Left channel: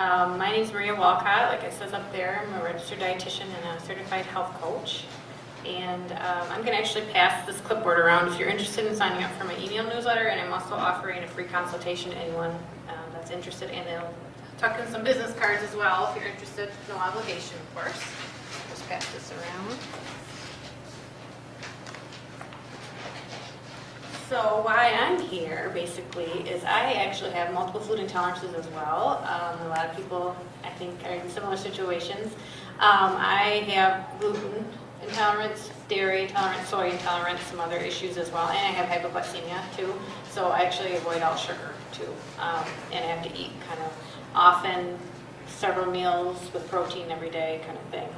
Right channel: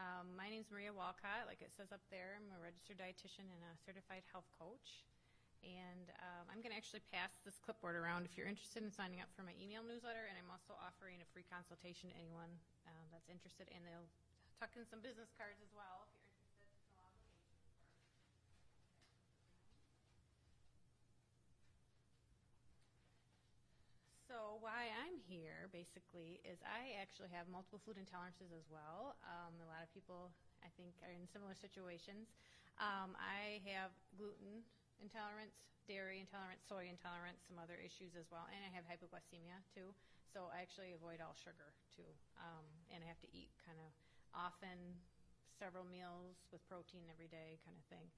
My name is Maria Walcott. Like it says up there, I'm a registered dietitian and a certified health coach. And I'm going to actually pass this clipboard around if you're interested in signing up for my email newsletter. And I'm also offering a free consultation to anyone that's interested. And they'll tuck in some business cards as well if you're interested. No obligation, of course. Just pass this around. So why I'm here, basically, is I actually have multiple food intolerances as well. A lot of people, I think, are in similar situations. I have gluten intolerance, dairy intolerance, soy intolerance, some other issues as well, and I have hypoglycemia too. So I actually avoid all sugar too, and I have to eat kind of often, several meals with protein every day kind of thing.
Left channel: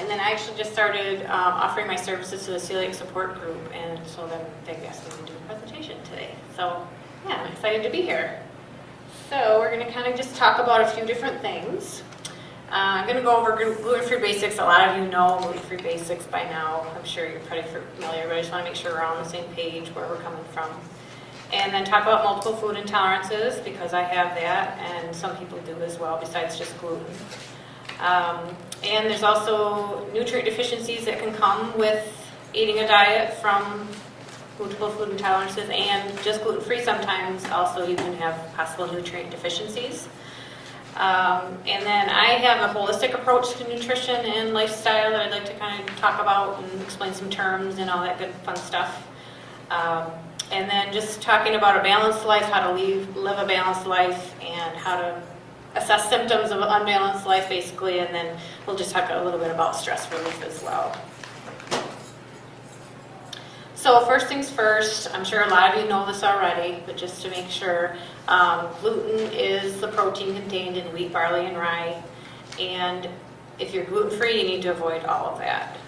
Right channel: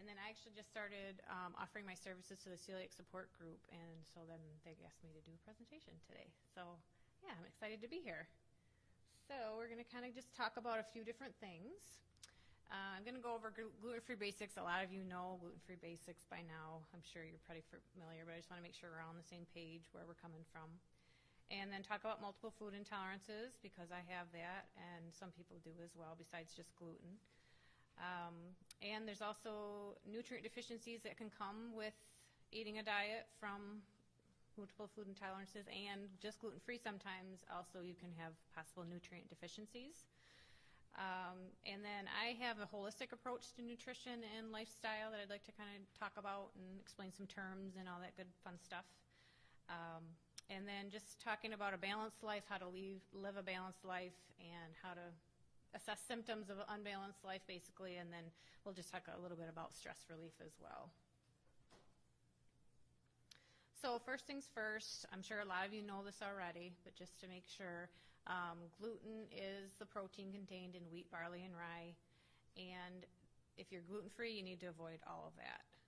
And then I actually just started offering my services to the celiac support group, and so then they asked me to do a presentation today. So yeah, I'm excited to be here. So we're going to kind of just talk about a few different things. I'm going to go over gluten-free basics. A lot of you know gluten-free basics by now. I'm sure you're pretty familiar, but I just want to make sure we're on the same page where we're coming from. And then talk about multiple food intolerances, because I have that, and some people do as well, besides just gluten. And there's also nutrient deficiencies that can come with eating a diet from multiple food intolerances, and just gluten-free sometimes also you can have possible nutrient deficiencies. And then I have a holistic approach to nutrition and lifestyle that I'd like to kind of talk about and explain some terms and all that good fun stuff. And then just talking about a balanced life, how to live a balanced life, and how to assess symptoms of an unbalanced life, basically, and then we'll just talk a little bit about stress relief as well. So first things first, I'm sure a lot of you know this already, but just to make sure, gluten is the protein contained in wheat, barley, and rye, and if you're gluten-free, you need to avoid all of that.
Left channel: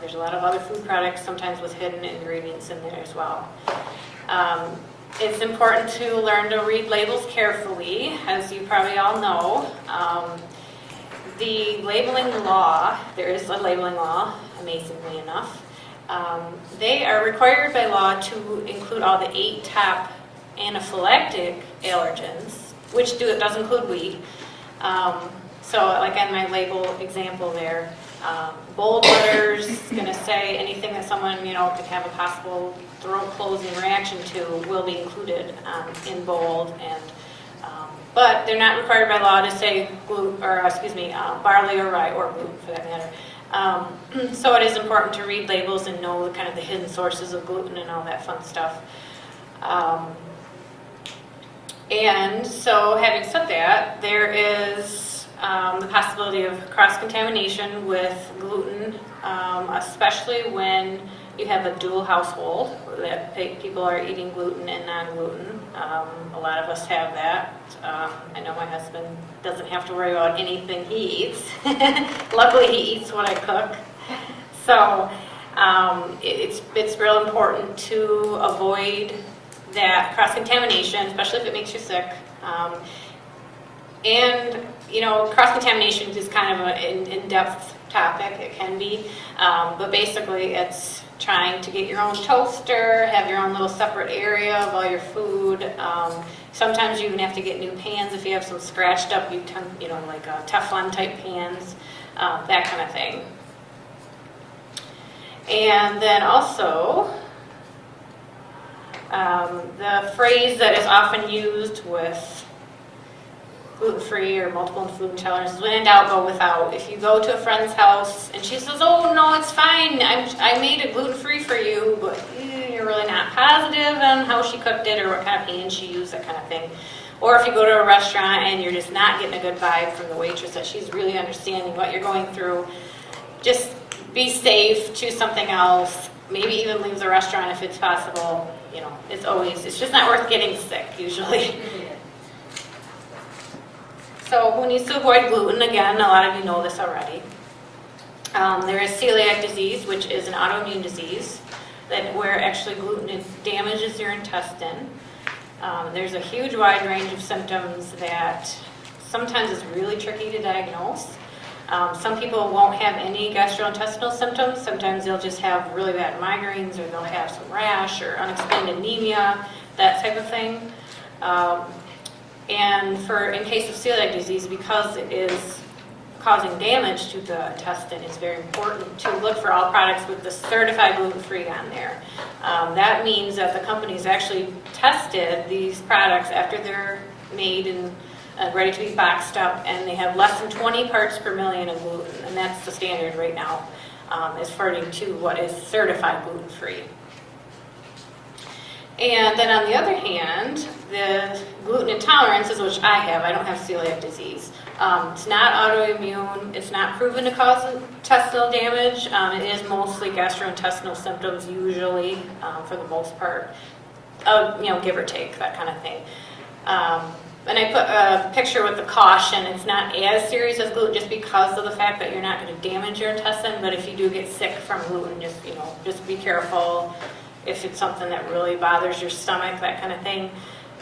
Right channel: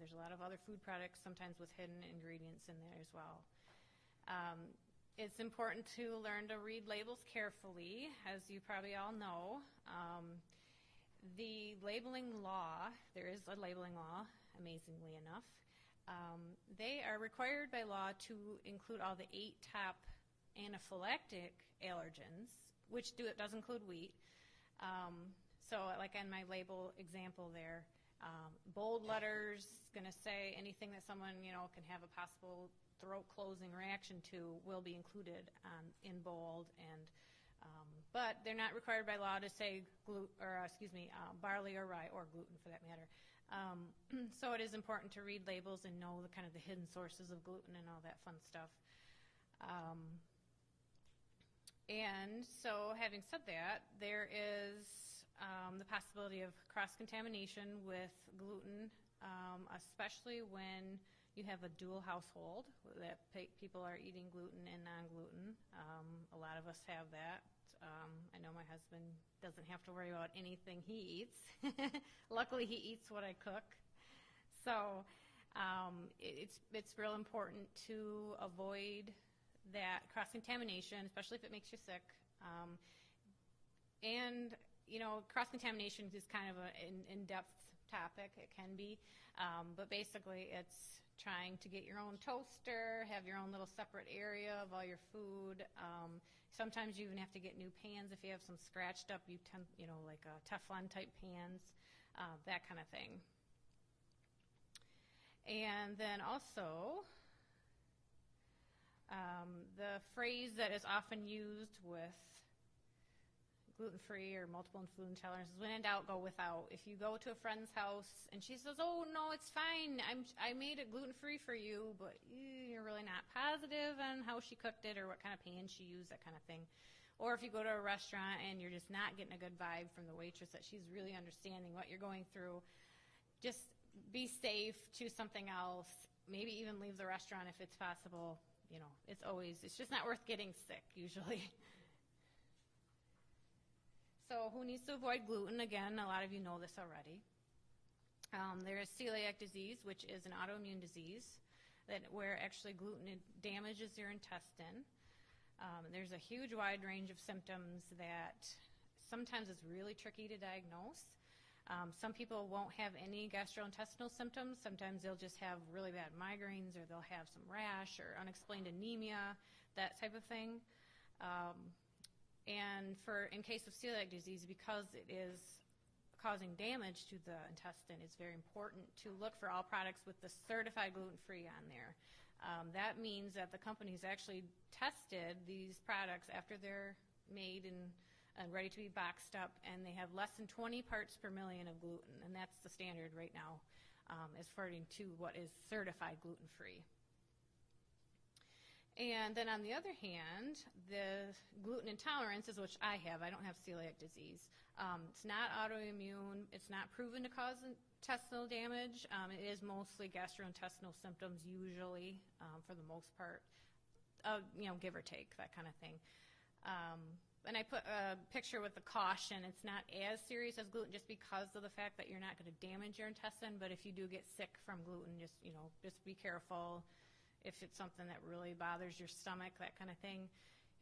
There's a lot of other food products, sometimes with hidden ingredients in there as well. It's important to learn to read labels carefully, as you probably all know. The labeling law, there is a labeling law, amazingly enough. They are required by law to include all the 8 top anaphylactic allergens, which does include wheat. So like on my label example there, bold letters is going to say anything that someone could have a possible throat closing reaction to will be included in bold, and but they're not required by law to say barley or rye or gluten for that matter. So it is important to read labels and know kind of the hidden sources of gluten and all that fun stuff. And so having said that, there is the possibility of cross-contamination with gluten, especially when you have a dual household that people are eating gluten and non-gluten. A lot of us have that. I know my husband doesn't have to worry about anything he eats. Luckily, he eats what I cook. So it's real important to avoid that cross-contamination, especially if it makes you sick. And cross-contamination is kind of an in-depth topic. It can be, but basically it's trying to get your own toaster, have your own little separate area of all your food. Sometimes you even have to get new pans if you have some scratched up, like Teflon type pans, that kind of thing. And then also, the phrase that is often used with gluten-free or multiple food intolerances, when in doubt, go without. If you go to a friend's house and she says, "Oh no, it's fine, I made it gluten-free for you," but you're really not positive on how she cooked it or what kind of pan she used, that kind of thing. Or if you go to a restaurant and you're just not getting a good vibe from the waitress that she's really understanding what you're going through, just be safe, choose something else, maybe even leave the restaurant if it's possible. It's just not worth getting sick usually. So who needs to avoid gluten? Again, a lot of you know this already. There is celiac disease, which is an autoimmune disease where actually gluten damages your intestine. There's a huge wide range of symptoms that sometimes is really tricky to diagnose. Some people won't have any gastrointestinal symptoms. Sometimes they'll just have really bad migraines, or they'll have some rash or unexplained anemia, that type of thing. And in case of celiac disease, because it is causing damage to the intestine, it's very important to look for all products with the certified gluten-free on there. That means that the company's actually tested these products after they're made and ready to be boxed up, and they have less than 20 parts per million of gluten, and that's the standard right now, according to what is certified gluten-free. And then on the other hand, the gluten intolerances, which I have, I don't have celiac disease. It's not autoimmune, it's not proven to cause intestinal damage. It is mostly gastrointestinal symptoms usually, for the most part, give or take, that kind of thing. And I put a picture with the caution. It's not as serious as gluten just because of the fact that you're not going to damage your intestine, but if you do get sick from gluten, just be careful. If it's something that really bothers your stomach, that kind of thing,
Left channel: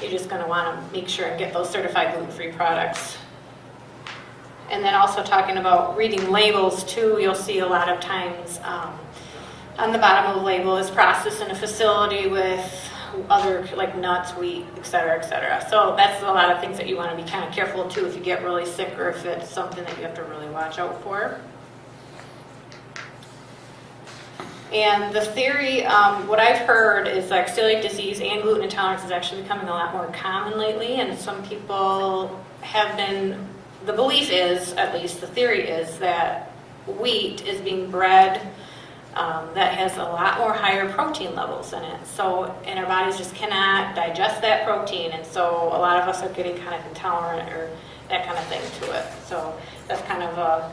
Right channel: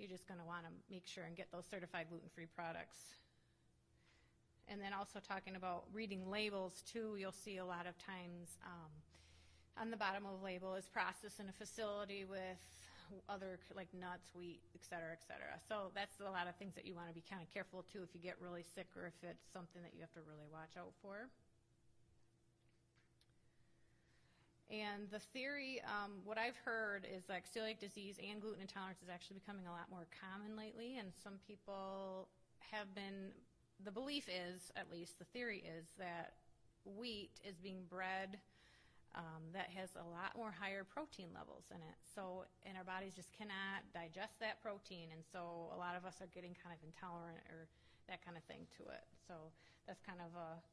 you're just going to want to make sure and get those certified gluten-free products. And then also talking about reading labels too, you'll see a lot of times on the bottom of the label is processed in a facility with other like nuts, wheat, et cetera, et cetera. So that's a lot of things that you want to be kind of careful too if you get really sick or if it's something that you have to really watch out for. And the theory, what I've heard is like celiac disease and gluten intolerance is actually becoming a lot more common lately, and some people have been, the belief is, at least the theory is, that wheat is being bred that has a lot more higher protein levels in it. So, and our bodies just cannot digest that protein, and so a lot of us are getting kind of intolerant or that kind of thing to it. So that's kind of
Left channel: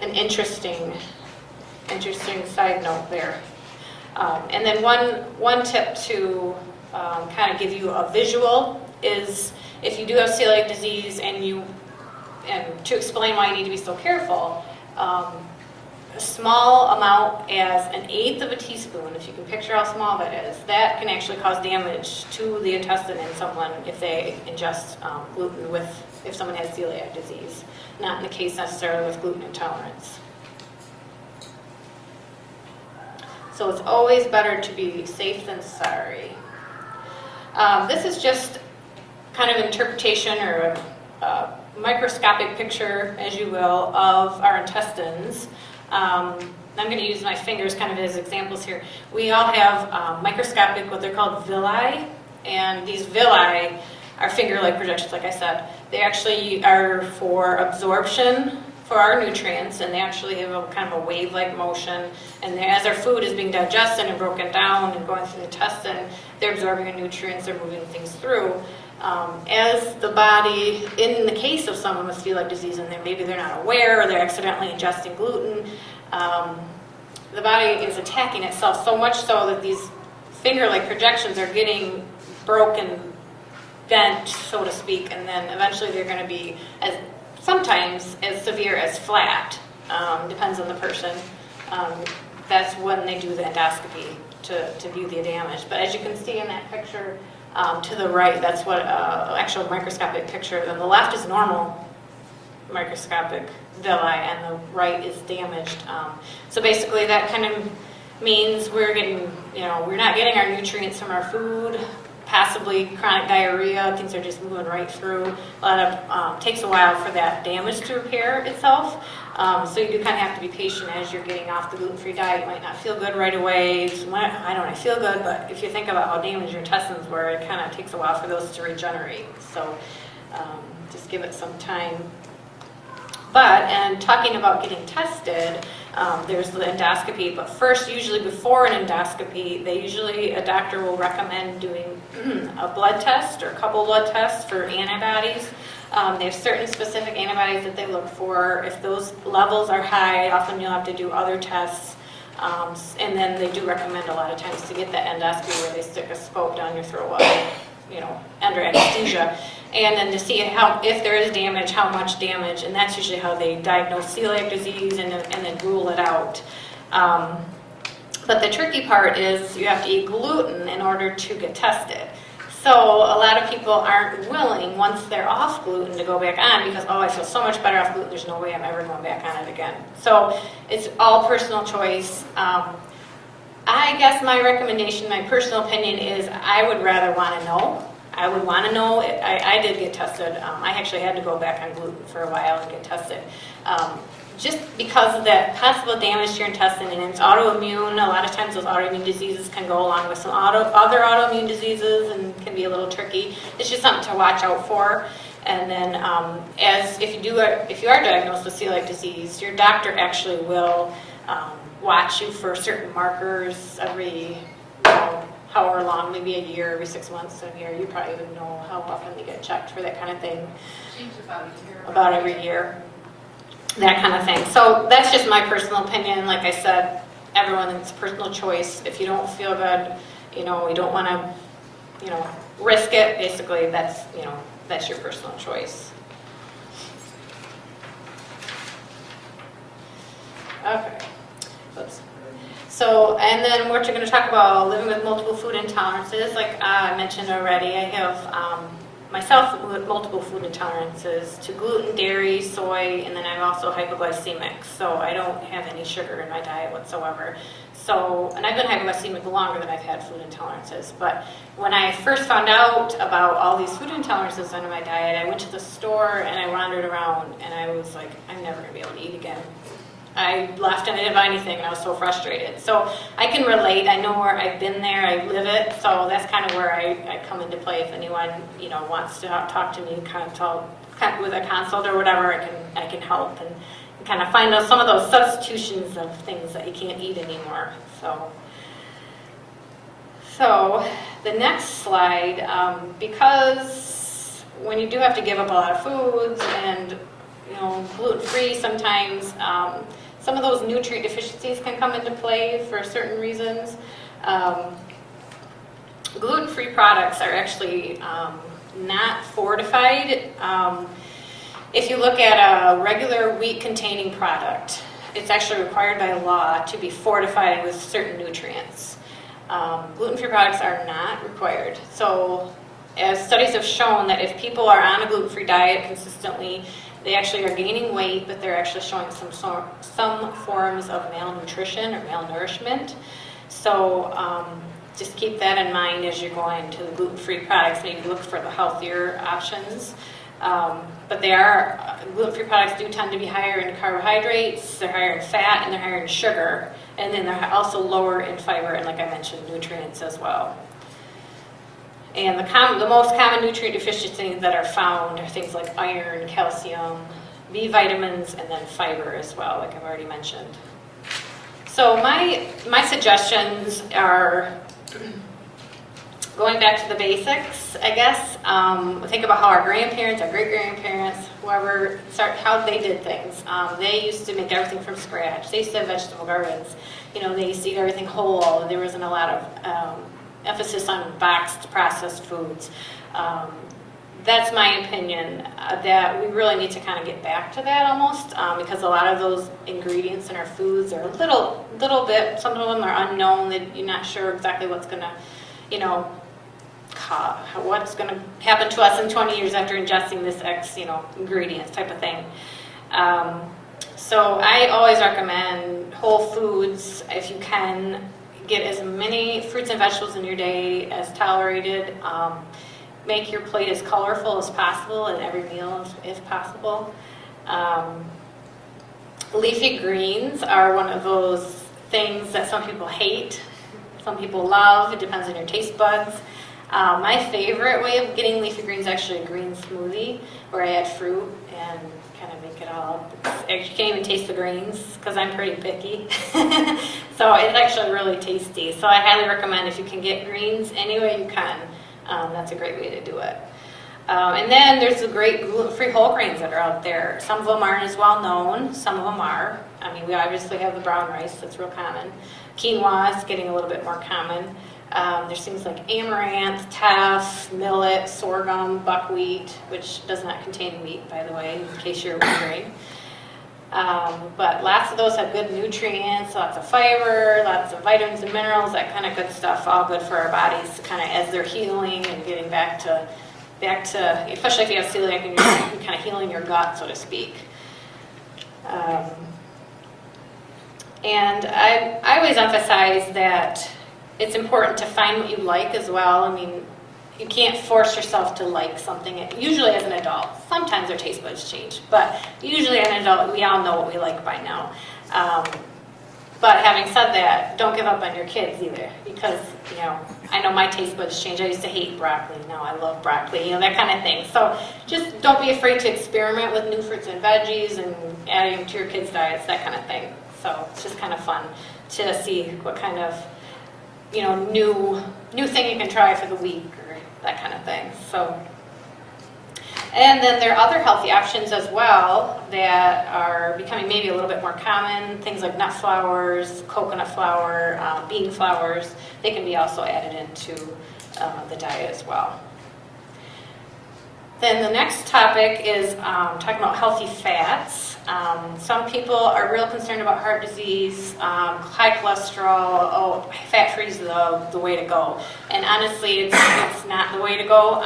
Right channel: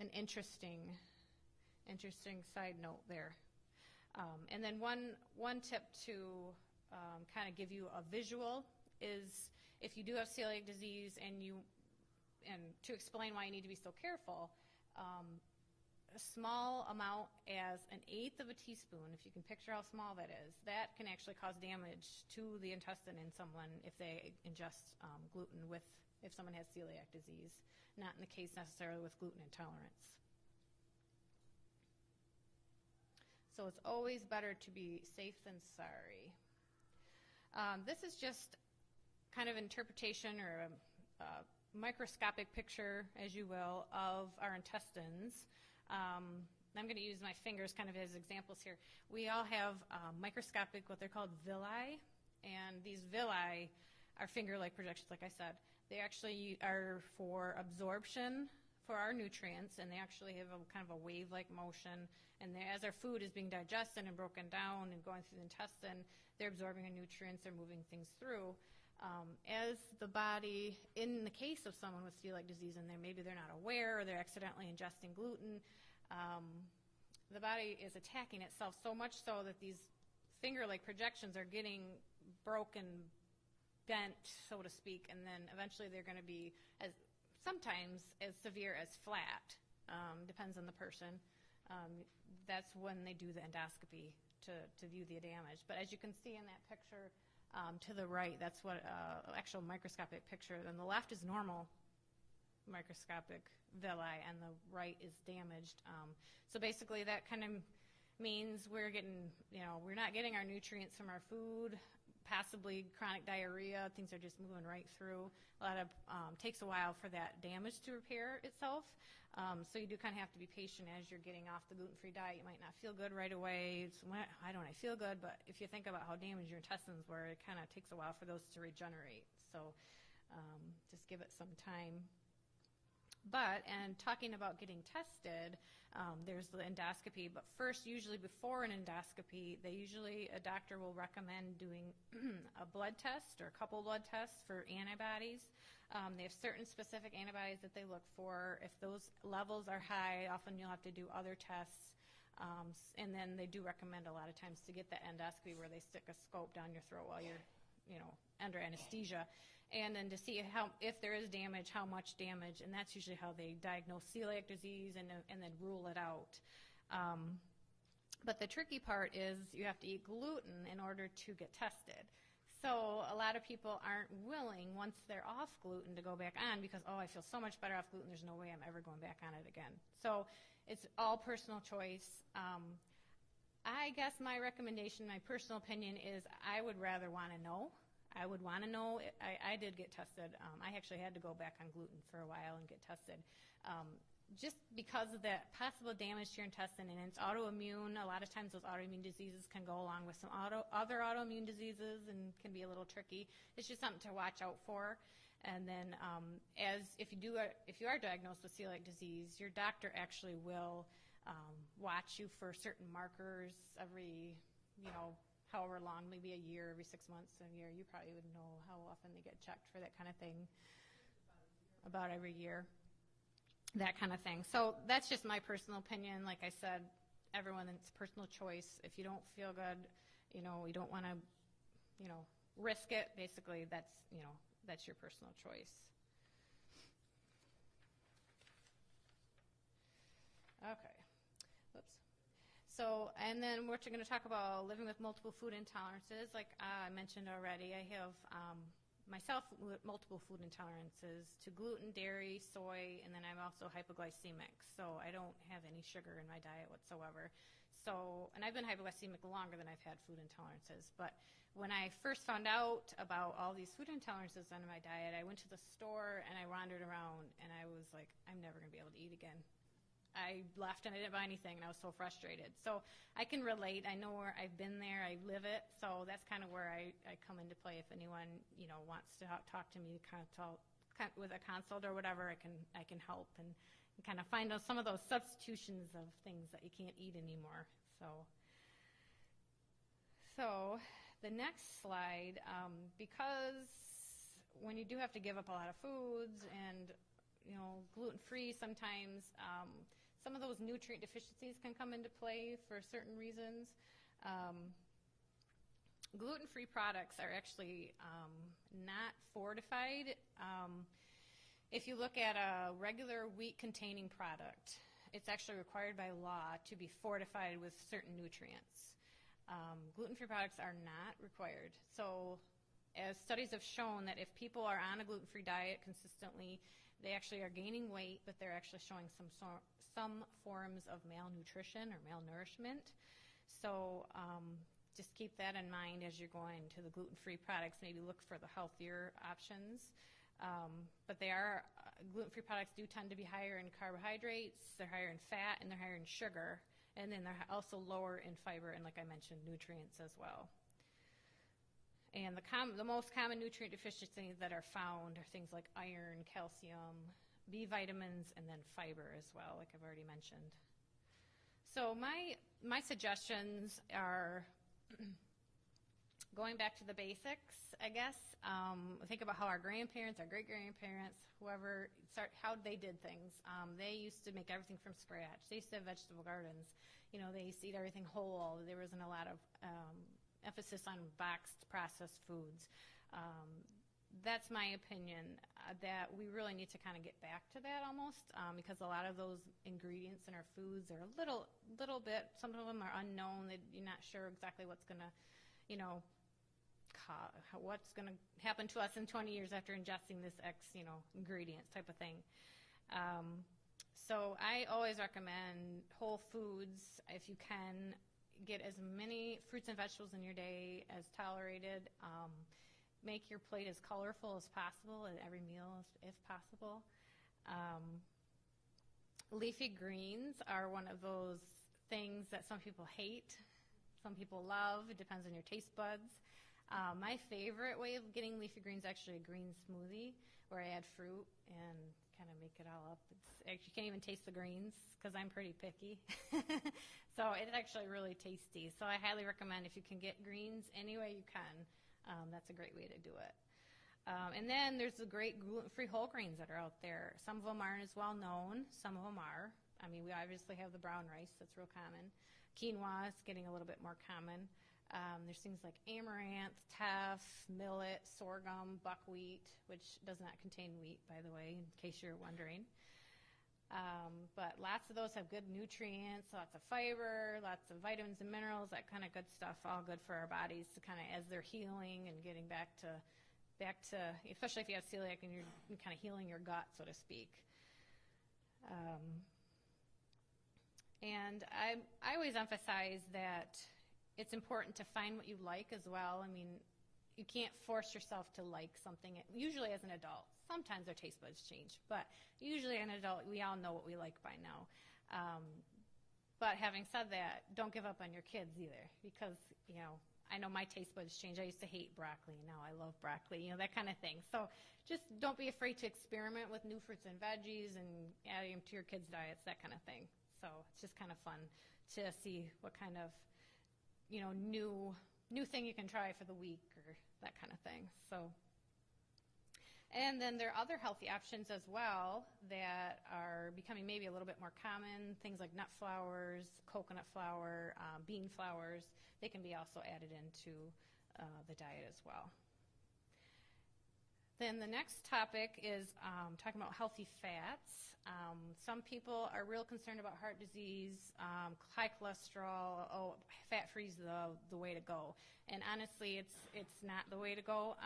an interesting side note there. And then one tip to kind of give you a visual is if you do have celiac disease and to explain why you need to be so careful, a small amount as 1/8 of a teaspoon, if you can picture how small that is, that can actually cause damage to the intestine in someone if they ingest gluten if someone has celiac disease, not in the case necessarily with gluten intolerance. So it's always better to be safe than sorry. This is just kind of interpretation or a microscopic picture, as you will, of our intestines. I'm going to use my fingers kind of as examples here. We all have microscopic, what they're called villi, and these villi are finger-like projections, like I said. They actually are for absorption for our nutrients, and they actually have a kind of a wave-like motion, and as our food is being digested and broken down and going through the intestine, they're absorbing the nutrients, they're moving things through. As the body, in the case of someone with celiac disease, and maybe they're not aware or they're accidentally ingesting gluten, the body is attacking itself so much so that these finger-like projections are getting broken, bent, so to speak, and then eventually they're going to be sometimes as severe as flat, depends on the person. That's when they do the endoscopy to view the damage. But as you can see in that picture to the right, that's what actual microscopic picture. And the left is normal microscopic villi, and the right is damaged. So basically that kind of means we're not getting our nutrients from our food, possibly chronic diarrhea, things are just moving right through. A lot of, takes a while for that damage to repair itself. So you do kind of have to be patient as you're getting off the gluten-free diet. You might not feel good right away. I feel good, but if you think about how damaged your intestines were, it kind of takes a while for those to regenerate. So just give it some time. And talking about getting tested, there's the endoscopy, but first, usually before an endoscopy, a doctor will recommend doing a blood test or a couple blood tests for antibodies. They have certain specific antibodies that they look for. If those levels are high, often you'll have to do other tests. And then they do recommend a lot of times to get that endoscopy where they stick a scope down your throat while under anesthesia. And then to see if there is damage, how much damage, and that's usually how they diagnose celiac disease and then rule it out. But the tricky part is you have to eat gluten in order to get tested. So a lot of people aren't willing, once they're off gluten, to go back on because, I feel so much better off gluten, there's no way I'm ever going back on it again. So it's all personal choice. I guess my recommendation, my personal opinion is I would rather want to know I would want to know. I did get tested. I actually had to go back on gluten for a while and get tested. Just because of that possible damage to your intestine, and it's autoimmune. A lot of times those autoimmune diseases can go along with some other autoimmune diseases and can be a little tricky. It's just something to watch out for. And then if you are diagnosed with celiac disease, your doctor actually will watch you for certain markers every, however long, maybe a year, every 6 months, a year. You probably would know how often they get checked for that kind of thing. Seems about a year. About every year, that kind of thing. So that's just my personal opinion. Like I said, it's personal choice. If you don't feel good, you don't want to, risk it. Basically, that's your personal choice. Okay. Oops. So, and then we're going to talk about living with multiple food intolerances. Like I mentioned already, I have myself with multiple food intolerances to gluten, dairy, soy, and then I'm also hypoglycemic. So I don't have any sugar in my diet whatsoever. So, and I've been hypoglycemic longer than I've had food intolerances. But when I first found out about all these food intolerances under my diet, I went to the store and I wandered around and I was like, I'm never going to be able to eat again. I left and I didn't buy anything and I was so frustrated. So I can relate. I know where I've been there. I live it. So that's kind of where I come into play. If anyone wants to talk to me, with a consult or whatever, I can help and kind of find some of those substitutions of things that you can't eat anymore. So the next slide, because when you do have to give up a lot of foods and gluten-free sometimes, some of those nutrient deficiencies can come into play for certain reasons. Gluten-free products are actually not fortified. If you look at a regular wheat-containing product, it's actually required by law to be fortified with certain nutrients. Gluten-free products are not required. So, as studies have shown that if people are on a gluten-free diet consistently, they actually are gaining weight, but they're actually showing some forms of malnutrition or malnourishment. So just keep that in mind as you're going to the gluten-free products. Maybe look for the healthier options. But gluten-free products do tend to be higher in carbohydrates, they're higher in fat, and they're higher in sugar. And then they're also lower in fiber and, like I mentioned, nutrients as well. And the most common nutrient deficiencies that are found are things like iron, calcium, B vitamins, and then fiber as well, like I've already mentioned. So my suggestions are going back to the basics, I guess. Think about how our grandparents, our great-grandparents, how they did things. They used to make everything from scratch. They used to have vegetable gardens. They used to eat everything whole. There wasn't a lot of emphasis on boxed processed foods. That's my opinion, that we really need to kind of get back to that almost, because a lot of those ingredients in our foods are a little bit, some of them are unknown, that you're not sure exactly what's going to, what's going to happen to us in 20 years after ingesting this ingredients type of thing. So I always recommend whole foods if you can. Get as many fruits and vegetables in your day as tolerated. Make your plate as colorful as possible in every meal if possible. Leafy greens are one of those things that some people hate, some people love. It depends on your taste buds. My favorite way of getting leafy greens is actually a green smoothie where I add fruit and kind of make it all up. You can't even taste the greens because I'm pretty picky. So it's actually really tasty. So I highly recommend if you can get greens any way you can. That's a great way to do it. And then there's the great gluten-free whole grains that are out there. Some of them aren't as well known. Some of them are. We obviously have the brown rice. That's real common. Quinoa is getting a little bit more common. There's things like amaranth, teff, millet, sorghum, buckwheat, which does not contain wheat, by the way, in case you're wondering. But lots of those have good nutrients, lots of fiber, lots of vitamins and minerals, that kind of good stuff, all good for our bodies kind of as they're healing and getting back to, especially if you have celiac and you're kind of healing your gut, so to speak. And I always emphasize that it's important to find what you like as well. you can't force yourself to like something. Usually as an adult, sometimes their taste buds change, but usually as an adult, we all know what we like by now. But having said that, don't give up on your kids either, because, I know my taste buds change. I used to hate broccoli. Now I love broccoli, that kind of thing. So just don't be afraid to experiment with new fruits and veggies and adding them to your kids' diets, that kind of thing. So it's just kind of fun to see what kind of, new thing you can try for the week or that kind of thing. So, and then there are other healthy options as well that are becoming maybe a little bit more common. Things like nut flours, coconut flour, bean flours. They can be also added into the diet as well. Then the next topic is talking about healthy fats. Some people are real concerned about heart disease, high cholesterol. Fat-free is the way to go. And honestly, it's not the way to go.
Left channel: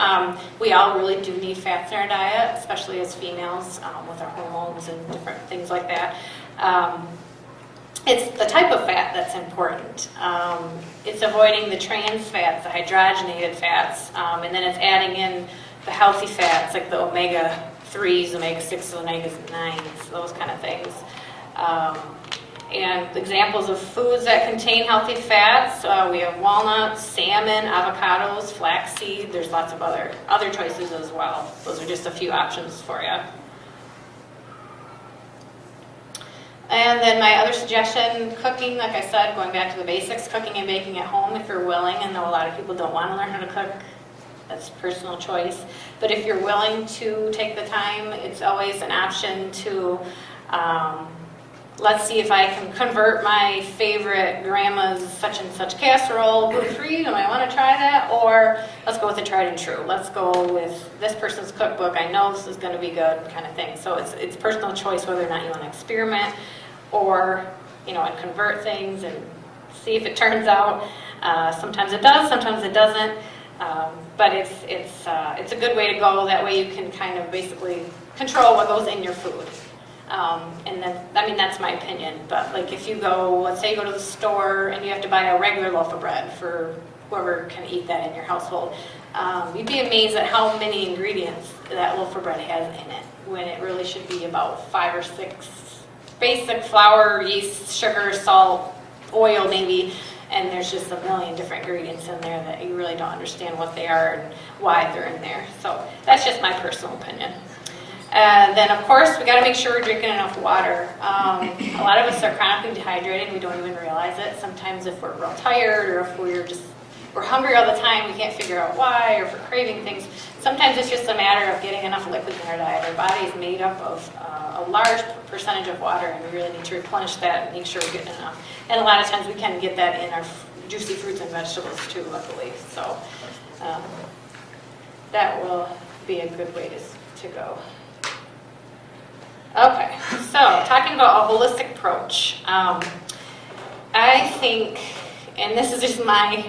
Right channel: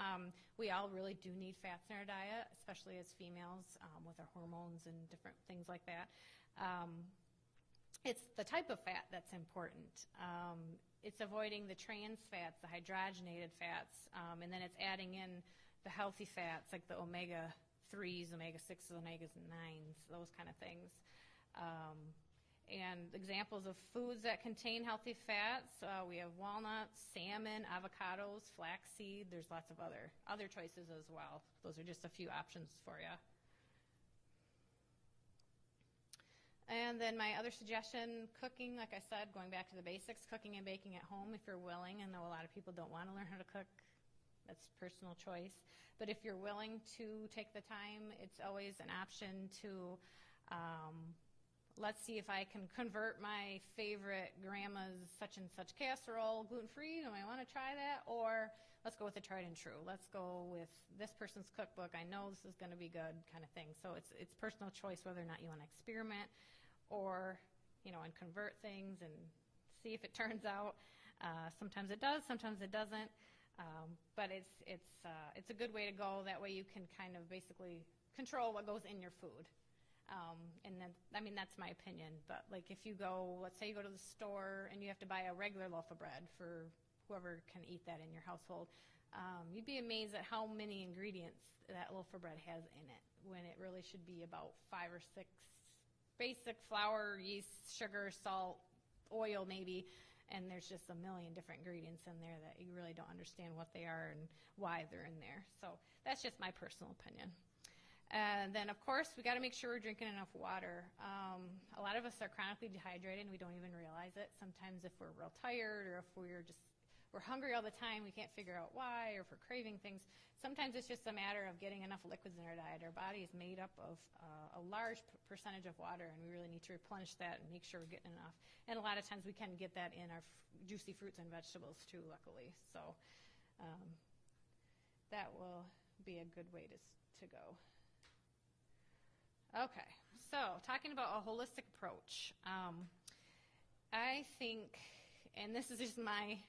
We all really do need fats in our diet, especially as females with our hormones and different things like that. It's the type of fat that's important. It's avoiding the trans fats, the hydrogenated fats, and then it's adding in the healthy fats like the omega-3s, omega-6s, omega-9s, those kind of things. And examples of foods that contain healthy fats, we have walnuts, salmon, avocados, flaxseed. There's lots of other choices as well. Those are just a few options for you. And then my other suggestion, cooking, like I said, going back to the basics, cooking and baking at home if you're willing. I know a lot of people don't want to learn how to cook. That's personal choice. But if you're willing to take the time, it's always an option to, let's see if I can convert my favorite grandma's such and such casserole gluten-free. Do I want to try that? Or let's go with the tried and true. Let's go with this person's cookbook. I know this is going to be good, kind of thing. So it's personal choice whether or not you want to experiment or, and convert things and see if it turns out. Sometimes it does, sometimes it doesn't. But it's a good way to go. That way you can kind of basically control what goes in your food. And then, that's my opinion. But like if you go, let's say you go to the store and you have to buy a regular loaf of bread for whoever can eat that in your household, you'd be amazed at how many ingredients that loaf of bread has in it, when it really should be about 5 or 6 basic flour, yeast, sugar, salt, oil maybe. And there's just a million different ingredients in there that you really don't understand what they are and why they're in there. So that's just my personal opinion. And then, of course, we got to make sure we're drinking enough water. A lot of us are chronically dehydrated. We don't even realize it. Sometimes if we're real tired or if we're hungry all the time, we can't figure out why, or if we're craving things. Sometimes it's just a matter of getting enough liquids in our diet. Our body is made up of a large percentage of water, and we really need to replenish that and make sure we're getting enough. And a lot of times we can get that in our juicy fruits and vegetables too, luckily. So that will be a good way to go. Okay, so talking about a holistic approach. I think, and this is just my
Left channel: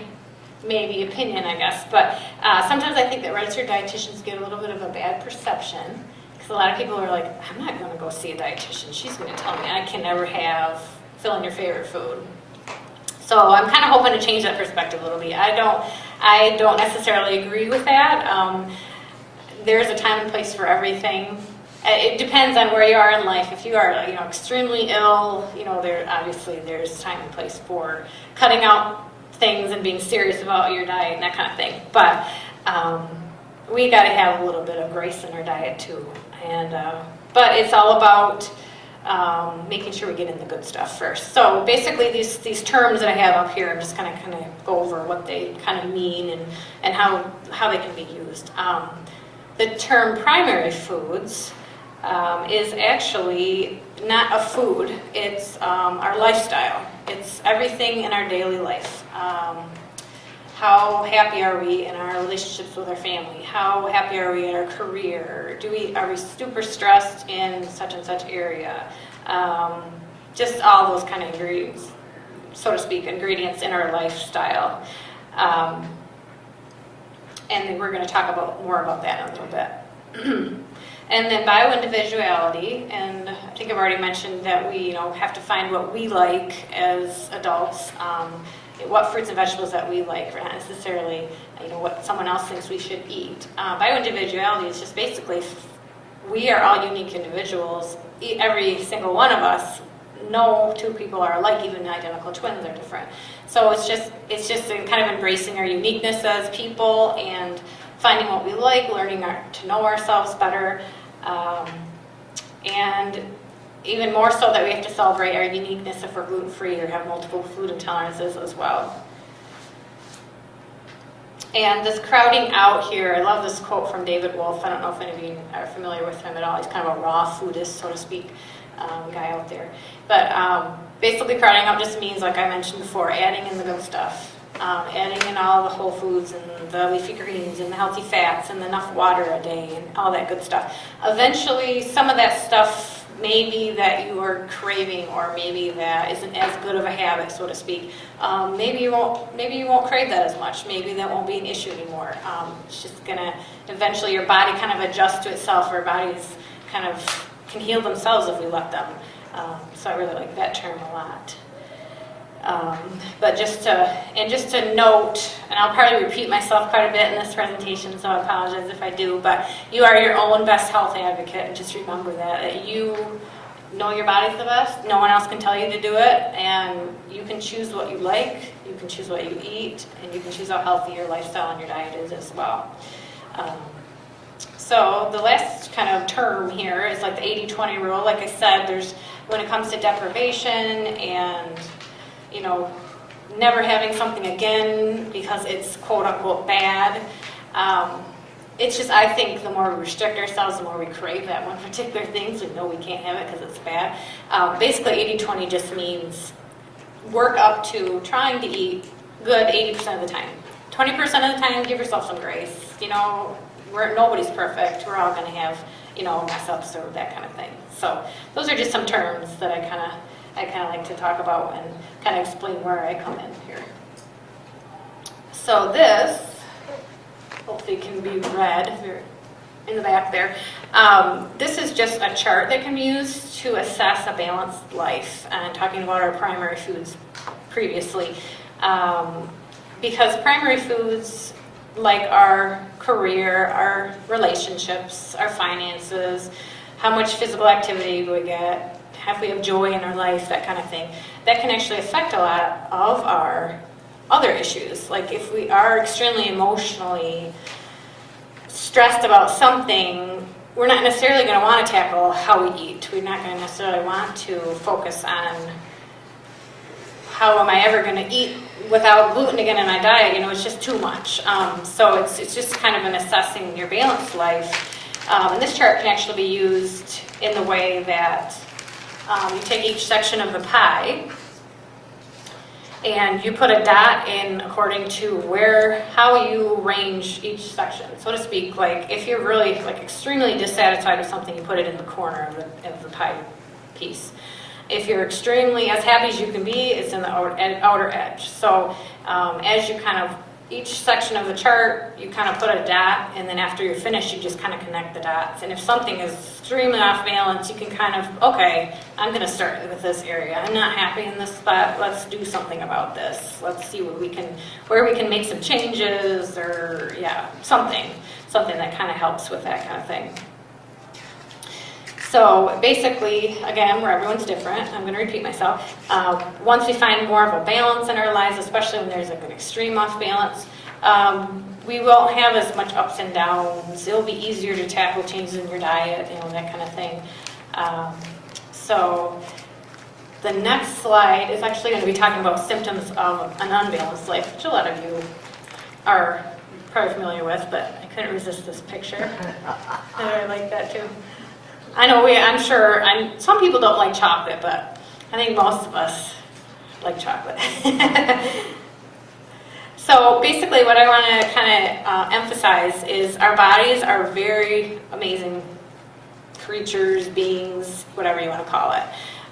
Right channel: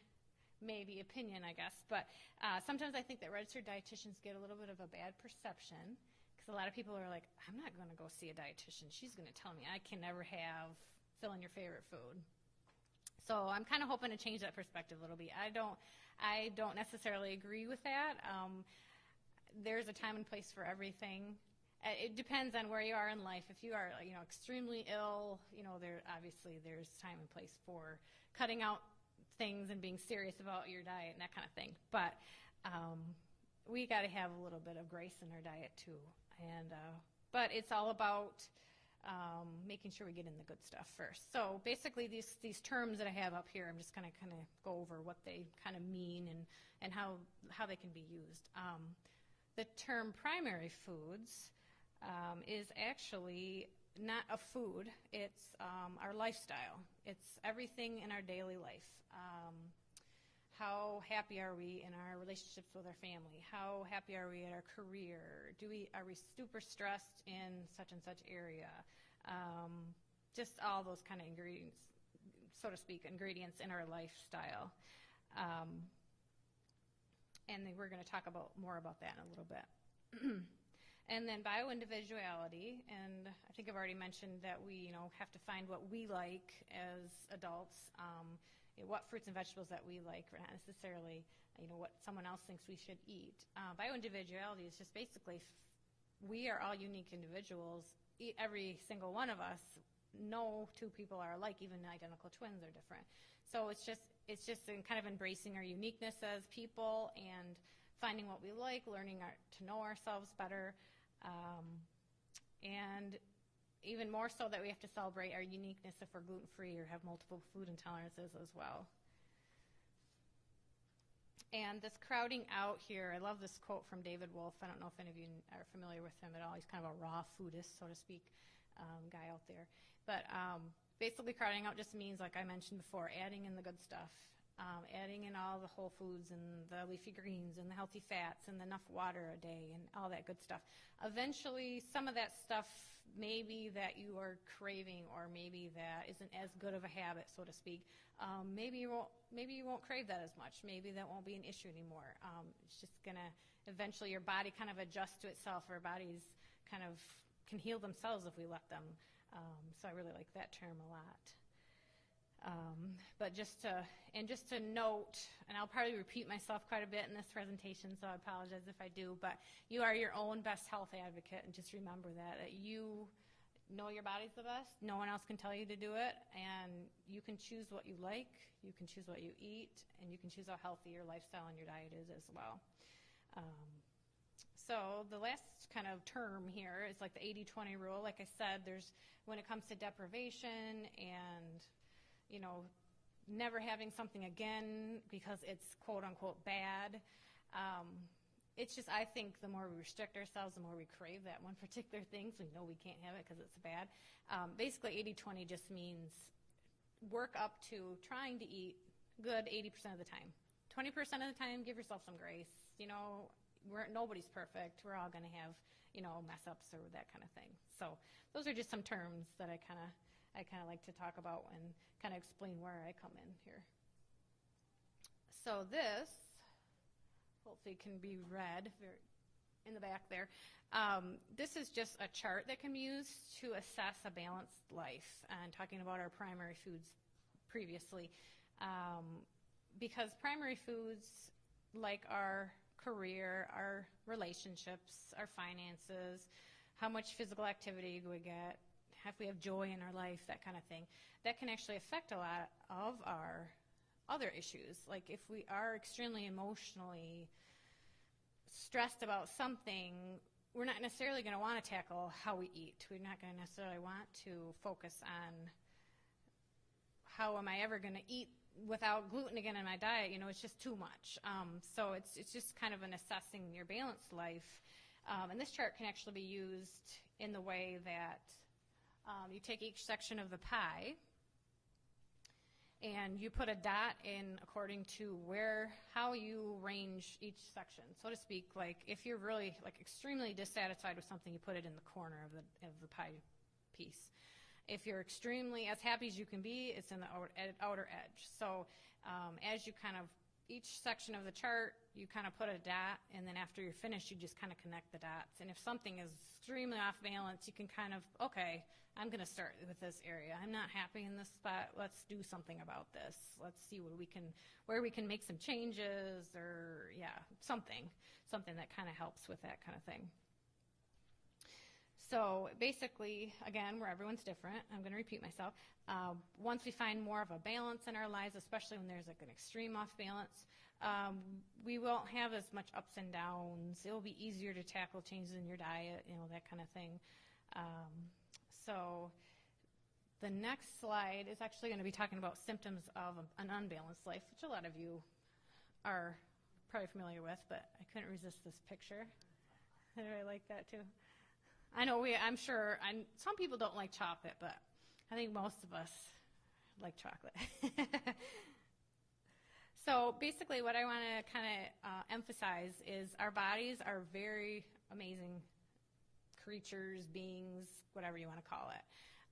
maybe opinion, I guess, but sometimes I think that registered dietitians get a little bit of a bad perception, because a lot of people are like, I'm not going to go see a dietitian. She's going to tell me I can never fill in your favorite food. So I'm kind of hoping to change that perspective a little bit. I don't necessarily agree with that. There's a time and place for everything. It depends on where you are in life. If you are, extremely ill, there's time and place for cutting out things and being serious about your diet and that kind of thing. But we got to have a little bit of grace in our diet too. And but it's all about making sure we get in the good stuff first. So basically, these terms that I have up here, I'm just kind of go over what they kind of mean and how they can be used. The term primary foods is actually not a food. It's our lifestyle. It's everything in our daily life. How happy are we in our relationships with our family? How happy are we in our career? Are we super stressed in such and such area? Just all those kind of ingredients, so to speak, ingredients in our lifestyle. And we're going to talk more about that in a little bit. And then bioindividuality, and I think I've already mentioned that we, have to find what we like as adults, what fruits and vegetables that we like. We're not necessarily, what someone else thinks we should eat. Bioindividuality is just basically, we are all unique individuals. Every single one of us, no two people are alike, even identical twins are different. So it's just kind of embracing our uniqueness as people and finding what we like, learning to know ourselves better, and even more so that we have to celebrate our uniqueness if we're gluten-free or have multiple food intolerances as well. And this crowding out here, I love this quote from David Wolf. I don't know if any of you are familiar with him at all. He's kind of a raw foodist, so to speak, guy out there. But basically crowding out just means, like I mentioned before, adding in the good stuff. Adding in all the whole foods and the leafy greens and the healthy fats and enough water a day and all that good stuff. Eventually, some of that stuff maybe that you are craving, or maybe that isn't as good of a habit, so to speak. Maybe you won't crave that as much. Maybe that won't be an issue anymore. It's just gonna eventually your body kind of adjusts to itself. Our bodies kind of can heal themselves if we let them. So I really like that term a lot. But just to note, and I'll probably repeat myself quite a bit in this presentation, so I apologize if I do, but you are your own best health advocate, and just remember that you know your body's the best. No one else can tell you to do it, and you can choose what you like, you can choose what you eat, and you can choose how healthy your lifestyle and your diet is as well. So the last kind of term here is like the 80-20 rule. Like I said, when it comes to deprivation and never having something again because it's quote unquote bad. It's just, I think the more we restrict ourselves, the more we crave that one particular thing, so we know we can't have it because it's bad. Basically 80-20 just means work up to trying to eat good 80% of the time. 20% of the time, give yourself some grace. Nobody's perfect. We're all going to have, mess ups or that kind of thing. So those are just some terms that I kind of like to talk about and kind of explain where I come in here. So this, hopefully can be read in the back there. This is just a chart that can be used to assess a balanced life, and talking about our primary foods previously. Because primary foods, like our career, our relationships, our finances, how much physical activity we get, if we have joy in our life, that kind of thing, that can actually affect a lot of our other issues. Like if we are extremely emotionally stressed about something, we're not necessarily going to want to tackle how we eat. We're not going to necessarily want to focus on how am I ever going to eat without gluten again in my diet. It's just too much. So it's just kind of an assessing your balanced life. And this chart can actually be used in the way that you take each section of the pie and you put a dot in according to how you range each section, so to speak. Like if you're really extremely dissatisfied with something, you put it in the corner of the pie piece. If you're extremely as happy as you can be, it's in the outer edge. So as you kind of, each section of the chart, you kind of put a dot, and then after you're finished, you just kind of connect the dots. And if something is extremely off balance, you can kind of, okay, I'm going to start with this area. I'm not happy in this spot. Let's do something about this. Let's see where we can make some changes, or something that kind of helps with that kind of thing. So basically, again, where everyone's different, I'm going to repeat myself. Once we find more of a balance in our lives, especially when there's an extreme off balance, we won't have as much ups and downs. It'll be easier to tackle changes in your diet, that kind of thing. So the next slide is actually going to be talking about symptoms of an unbalanced life, which a lot of you are probably familiar with, but I couldn't resist this picture. I like that too. I know I'm sure some people don't like chocolate, but I think most of us like chocolate. So basically what I want to kind of emphasize is our bodies are very amazing creatures, beings, whatever you want to call it.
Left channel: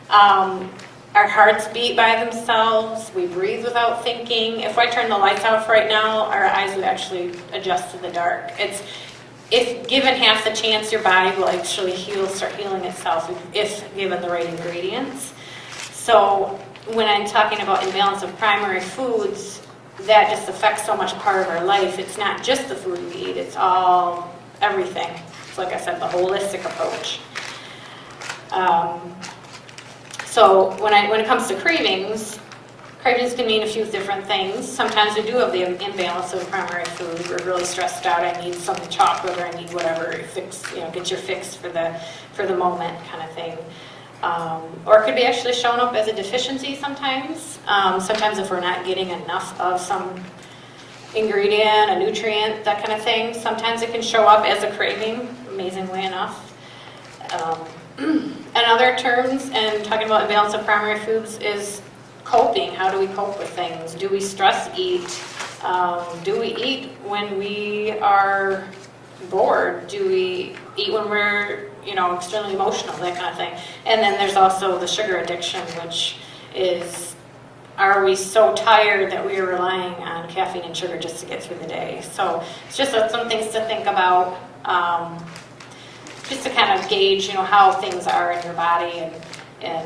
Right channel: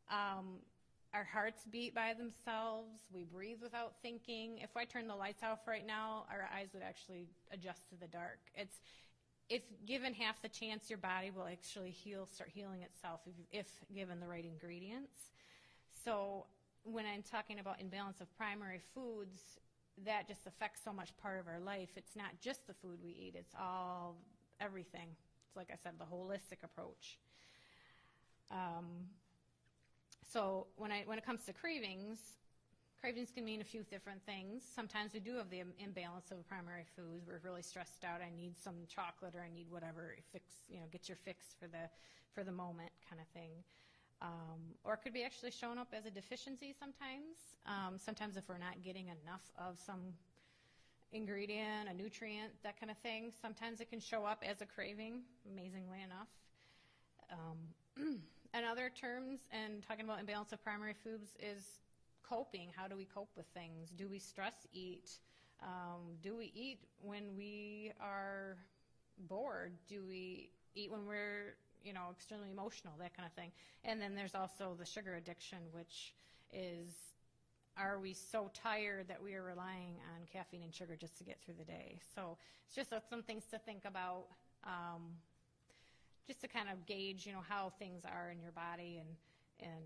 Our hearts beat by themselves. We breathe without thinking. If I turn the lights off right now, our eyes would actually adjust to the dark. If given half the chance, your body will actually start healing itself if given the right ingredients. So when I'm talking about imbalance of primary foods, that just affects so much part of our life. It's not just the food we eat, it's all, everything. It's like I said, the holistic approach. So when it comes to cravings can mean a few different things. Sometimes we do have the imbalance of primary food. We're really stressed out. I need something chocolate, or I need whatever fix, get your fix for the moment kind of thing. Or it could be actually shown up as a deficiency sometimes. Sometimes if we're not getting enough of some ingredient, a nutrient, that kind of thing. Sometimes it can show up as a craving, amazingly enough. And other terms, and talking about imbalance of primary foods, is coping. How do we cope with things? Do we stress eat? Do we eat when we are bored? Do we eat when we're, extremely emotional, that kind of thing? And then there's also the sugar addiction, which is, are we so tired that we are relying on caffeine and sugar just to get through the day? So it's just some things to think about, just to kind of gauge, how things are in your body and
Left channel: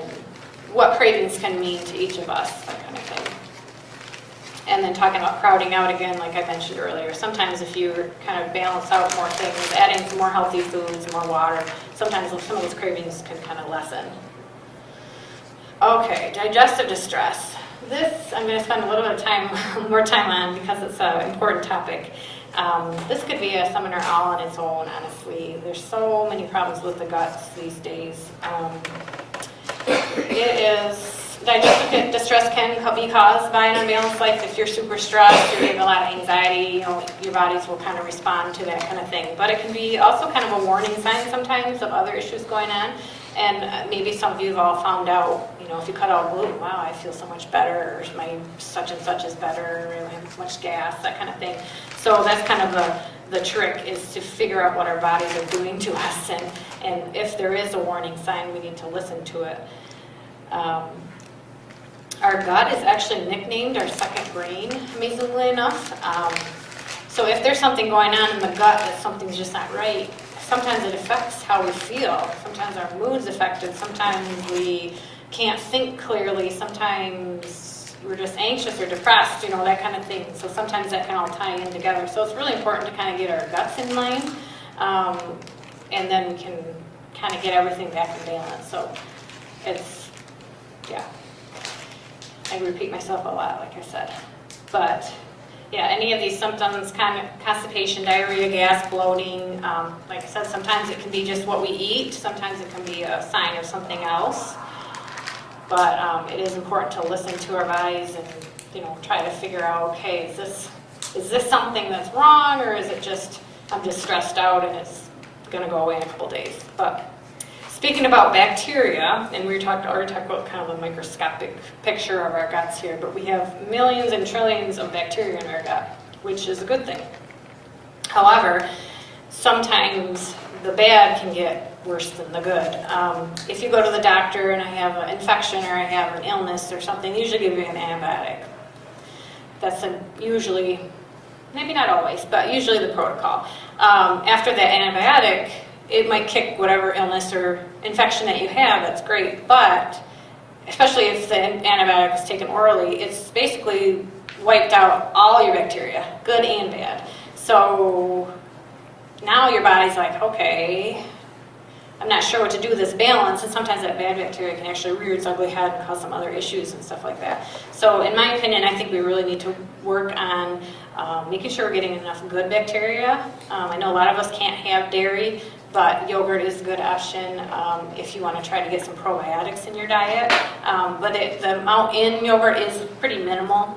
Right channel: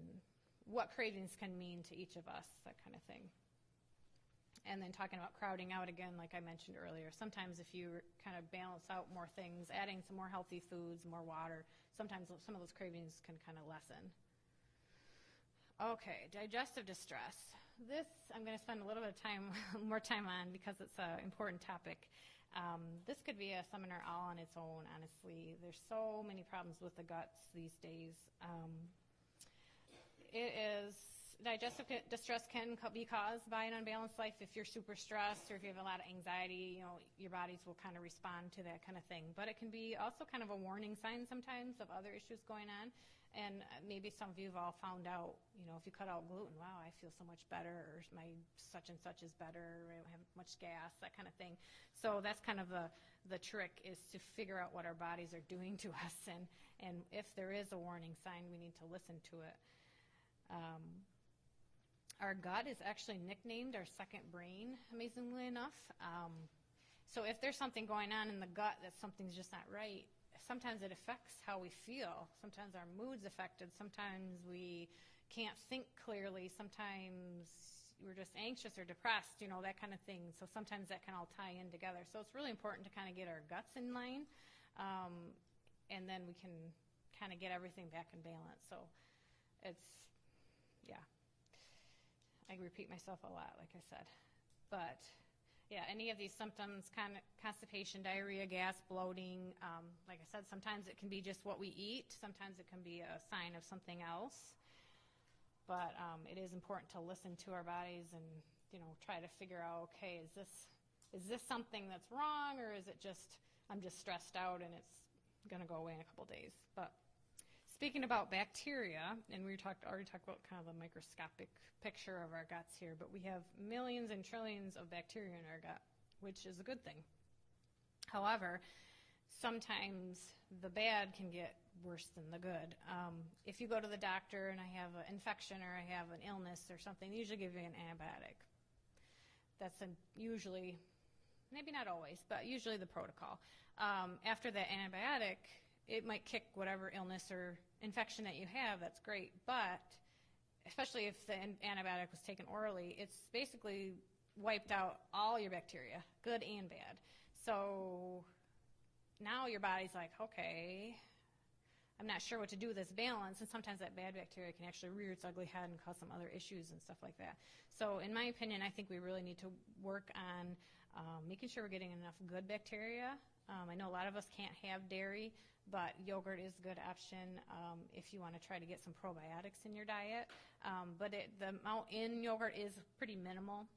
what cravings can mean to each of us, that kind of thing. And then talking about crowding out again, like I mentioned earlier, sometimes if you kind of balance out more things, adding some more healthy foods, more water, sometimes some of those cravings can kind of lessen. Okay, digestive distress. This I'm going to spend a little bit of more time on because it's an important topic. This could be a seminar all on its own, honestly. There's so many problems with the guts these days. Digestive distress can be caused by an unbalanced life. If you're super stressed, you're getting a lot of anxiety, your bodies will kind of respond to that kind of thing. But it can be also kind of a warning sign sometimes of other issues going on. And maybe some of you have all found out, if you cut out gluten, wow, I feel so much better, or my such and such is better, I don't have as much gas, that kind of thing. So that's kind of the trick, is to figure out what our bodies are doing to us. And if there is a warning sign, we need to listen to it. Our gut is actually nicknamed our second brain, amazingly enough. So if there's something going on in the gut, that something's just not right, sometimes it affects how we feel. Sometimes our mood's affected. Sometimes we can't think clearly. Sometimes we're just anxious or depressed, that kind of thing. So sometimes that can all tie in together. So it's really important to kind of get our guts in line, and then we can kind of get everything back in balance. So I repeat myself a lot, like I said. But any of these symptoms, kind of constipation, diarrhea, gas, bloating, like I said, sometimes it can be just what we eat. Sometimes it can be a sign of something else. But it is important to listen to our bodies and, try to figure out, okay, is this something that's wrong, or is it just, I'm just stressed out and it's going to go away in a couple days. But speaking about bacteria, and we already talked about kind of a microscopic picture of our guts here, but we have millions and trillions of bacteria in our gut, which is a good thing. However, sometimes the bad can get worse than the good. If you go to the doctor and I have an infection or I have an illness or something, they usually give you an antibiotic. That's usually, maybe not always, but usually the protocol. After that antibiotic, it might kick whatever illness or infection that you have. That's great, but especially if the antibiotic is taken orally, it's basically wiped out all your bacteria, good and bad. So now your body's like, okay, I'm not sure what to do with this balance, and sometimes that bad bacteria can actually rear its ugly head and cause some other issues and stuff like that. So in my opinion, I think we really need to work on making sure we're getting enough good bacteria. I know a lot of us can't have dairy, but yogurt is a good option if you want to try to get some probiotics in your diet. But the amount in yogurt is pretty minimal.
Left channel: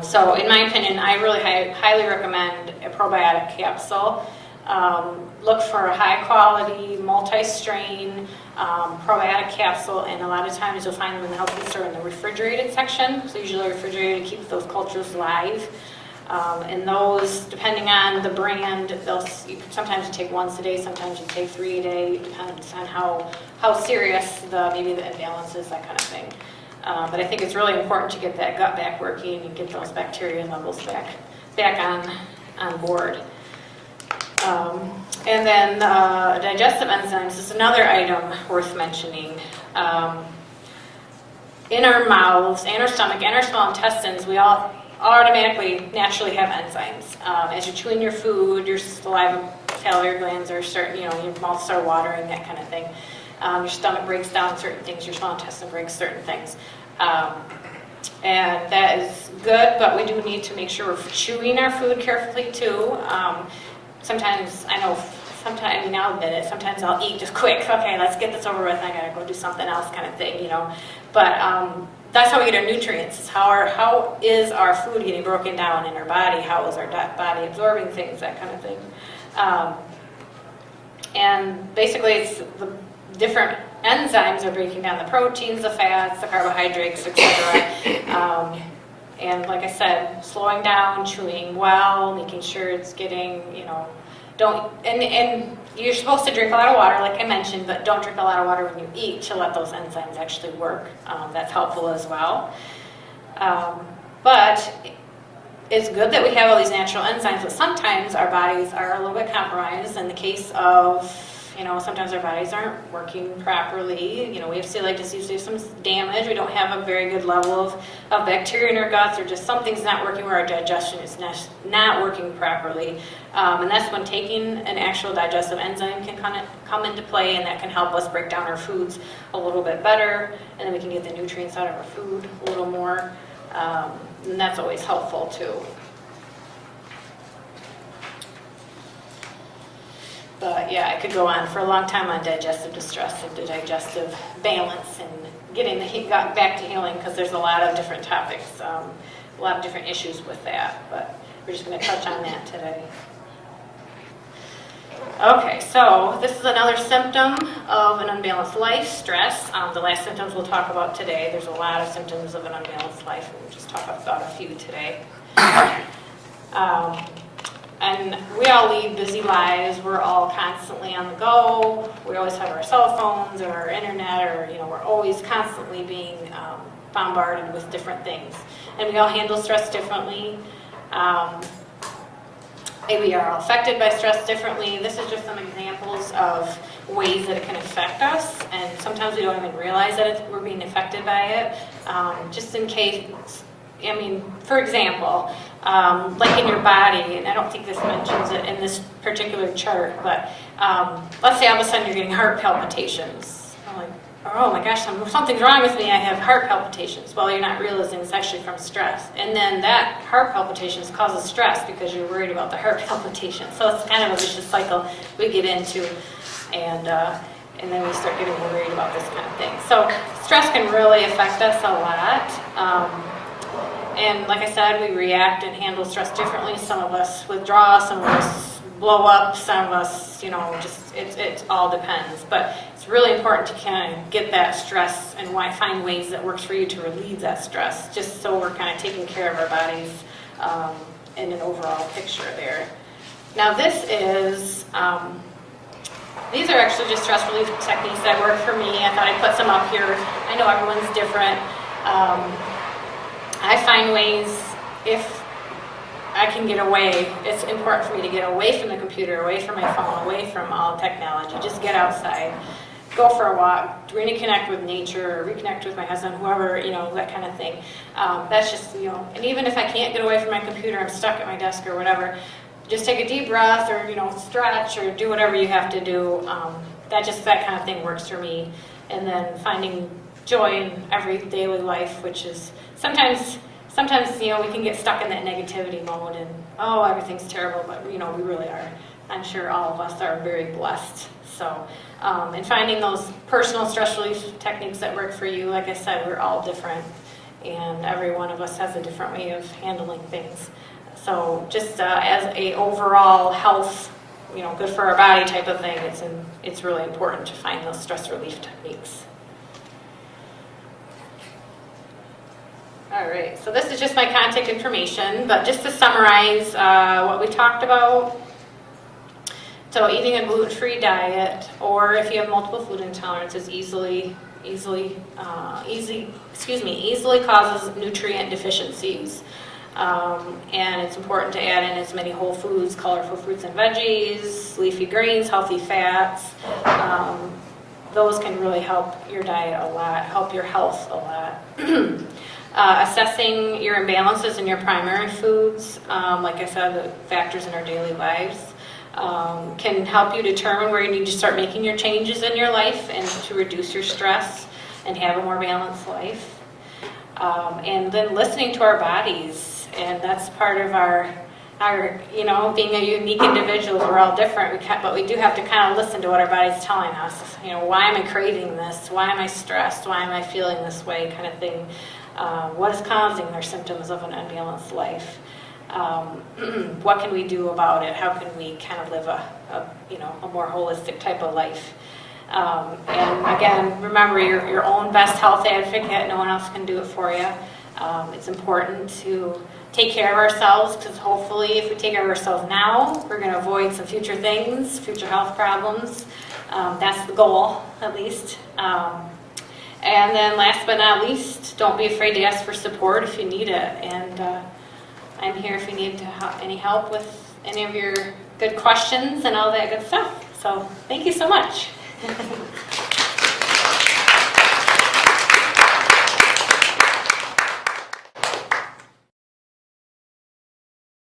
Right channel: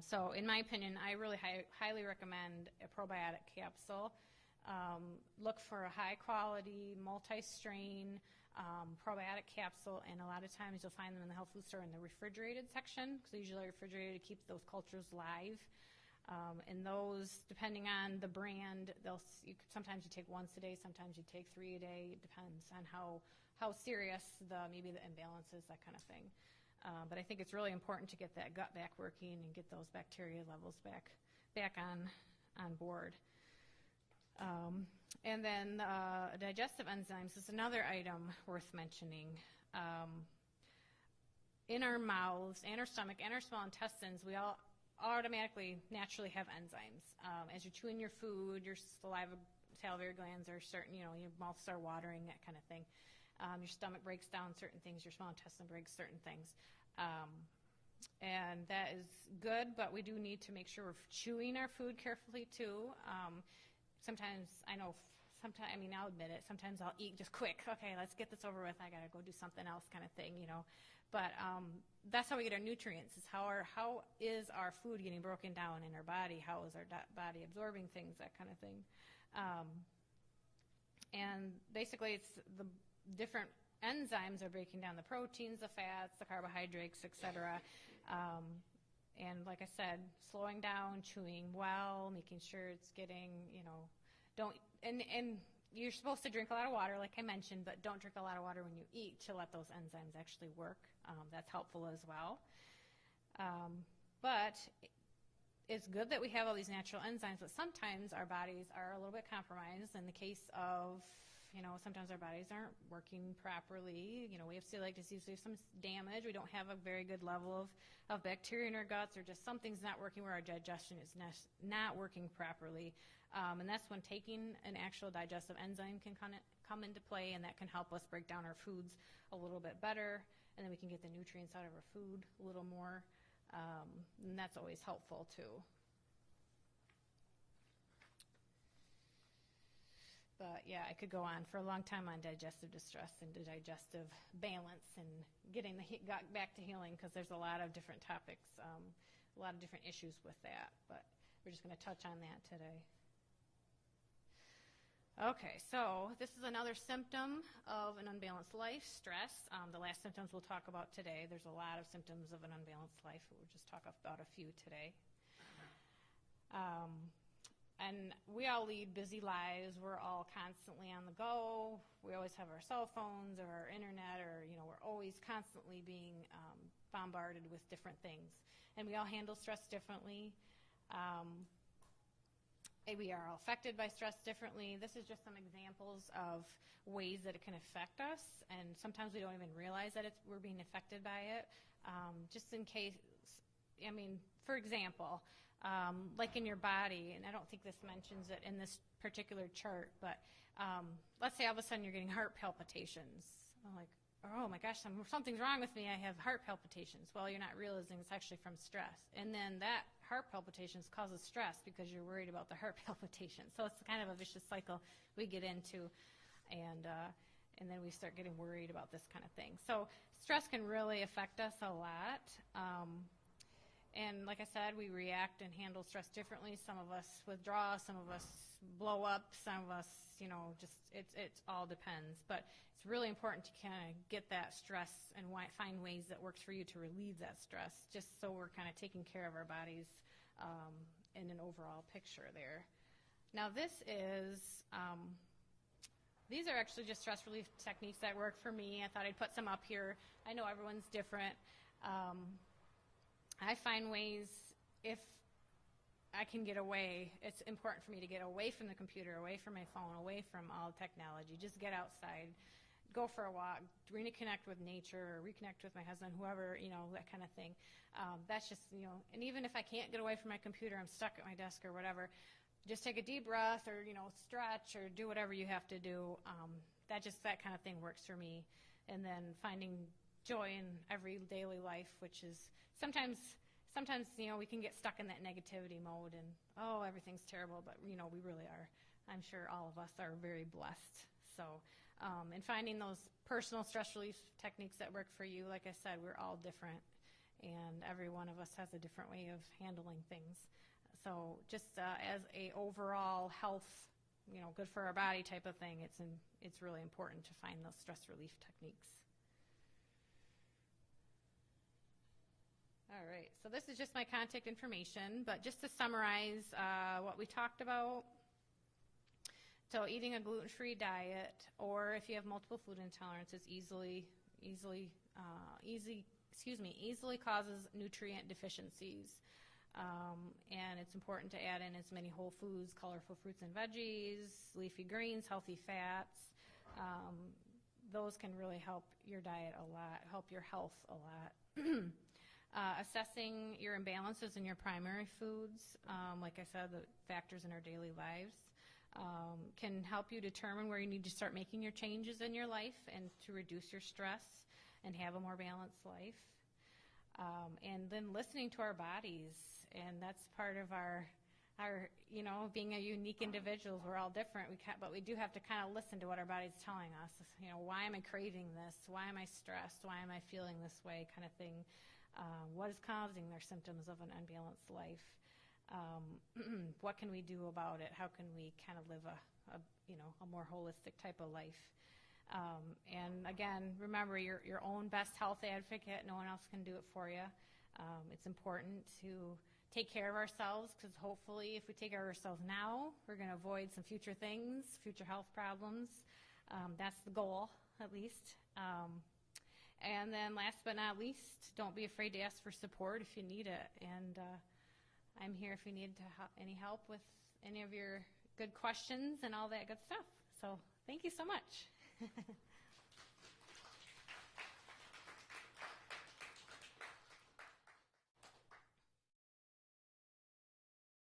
So in my opinion, I really highly recommend a probiotic capsule. Look for a high quality, multi-strain probiotic capsule, and a lot of times you'll find them in the health food store in the refrigerated section. So usually refrigerated to keep those cultures live. And those, depending on the brand, sometimes you take once a day, sometimes you take 3 a day. It depends on how serious maybe the imbalance is, that kind of thing. But I think it's really important to get that gut back working and get those bacteria levels back on board. And then digestive enzymes is another item worth mentioning. In our mouths and our stomach and our small intestines, we all automatically, naturally have enzymes. As you're chewing your food, your saliva, salivary glands are starting, your mouth start watering, that kind of thing. Your stomach breaks down certain things, your small intestine breaks certain things. And that is good, but we do need to make sure we're chewing our food carefully too. Sometimes, I'll admit it, sometimes I'll eat just quick. Okay, let's get this over with, I gotta go do something else kind of thing, But that's how we get our nutrients, is how is our food getting broken down in our body, how is our body absorbing things, that kind of thing. And basically it's the different enzymes are breaking down the proteins, the fats, the carbohydrates, etc. And like I said, slowing down, chewing well, making sure it's getting, and you're supposed to drink a lot of water, like I mentioned, but don't drink a lot of water when you eat to let those enzymes actually work. That's helpful as well. But it's good that we have all these natural enzymes, but sometimes our bodies are a little bit compromised in the case of, sometimes our bodies aren't working properly. We have celiac disease, we have some damage, we don't have a very good level of bacteria in our guts, or just something's not working where our digestion is not working properly. And that's when taking an actual digestive enzyme can come into play, and that can help us break down our foods a little bit better, and then we can get the nutrients out of our food a little more. And that's always helpful too. But yeah, I could go on for a long time on digestive distress and digestive balance and getting the gut back to healing, because there's a lot of different topics, a lot of different issues with that. But we're just going to touch on that today. Okay, so this is another symptom of an unbalanced life, stress. The last symptoms we'll talk about today. There's a lot of symptoms of an unbalanced life, and we'll just talk about a few today. And we all lead busy lives. We're all constantly on the go. We always have our cell phones or our internet, or we're always constantly being bombarded with different things. And we all handle stress differently. We are all affected by stress differently. This is just some examples of ways that it can affect us, and sometimes we don't even realize that we're being affected by it. Just in case, for example, like in your body, and I don't think this mentions it in this particular chart, but let's say all of a sudden you're getting heart palpitations. I'm like, oh my gosh, something's wrong with me, I have heart palpitations. Well, you're not realizing it's actually from stress. And then that heart palpitations causes stress because you're worried about the heart palpitations. So it's kind of a vicious cycle we get into, and then we start getting worried about this kind of thing. So stress can really affect us a lot. And like I said, we react and handle stress differently. Some of us withdraw, some of us blow up, some of us, it all depends. But it's really important to kind of get that stress and find ways that works for you to relieve that stress, just so we're kind of taking care of our bodies in an overall picture there. Now these are actually just stress relief techniques that work for me. I thought I'd put some up here. I know everyone's different. I find ways, if I can get away, it's important for me to get away from the computer, away from my phone, away from all technology, just get outside, go for a walk, reconnect with nature, reconnect with my husband, whoever, that kind of thing. That's just, and even if I can't get away from my computer, I'm stuck at my desk or whatever, just take a deep breath or, stretch or do whatever you have to do. That kind of thing works for me. And then finding joy in every daily life, which is sometimes we can get stuck in that negativity mode and everything's terrible, but we really are. I'm sure all of us are very blessed. So and finding those personal stress relief techniques that work for you, like I said, we're all different, and every one of us has a different way of handling things. So just as a overall health, good for our body type of thing, it's really important to find those stress relief techniques. All right, so this is just my contact information, but just to summarize what we talked about. So eating a gluten-free diet, or if you have multiple food intolerances, easily causes nutrient deficiencies. And it's important to add in as many whole foods, colorful fruits and veggies, leafy greens, healthy fats. Those can really help your diet a lot, help your health a lot. assessing your imbalances in your primary foods, like I said, the factors in our daily lives, can help you determine where you need to start making your changes in your life and to reduce your stress and have a more balanced life. And then listening to our bodies, and that's part of our being a unique individual, we're all different, but we do have to kind of listen to what our body's telling us. Why am I craving this? Why am I stressed? Why am I feeling this way, kind of thing. What is causing their symptoms of an unbalanced life? What can we do about it? How can we kind of live a more holistic type of life? And again, remember, you're your own best health advocate. No one else can do it for you. It's important to take care of ourselves, because hopefully if we take care of ourselves now, we're going to avoid some future things, future health problems. That's the goal, at least. And then last but not least, don't be afraid to ask for support if you need it. And I'm here if you need any help with any of your good questions and all that good stuff. So thank you so much.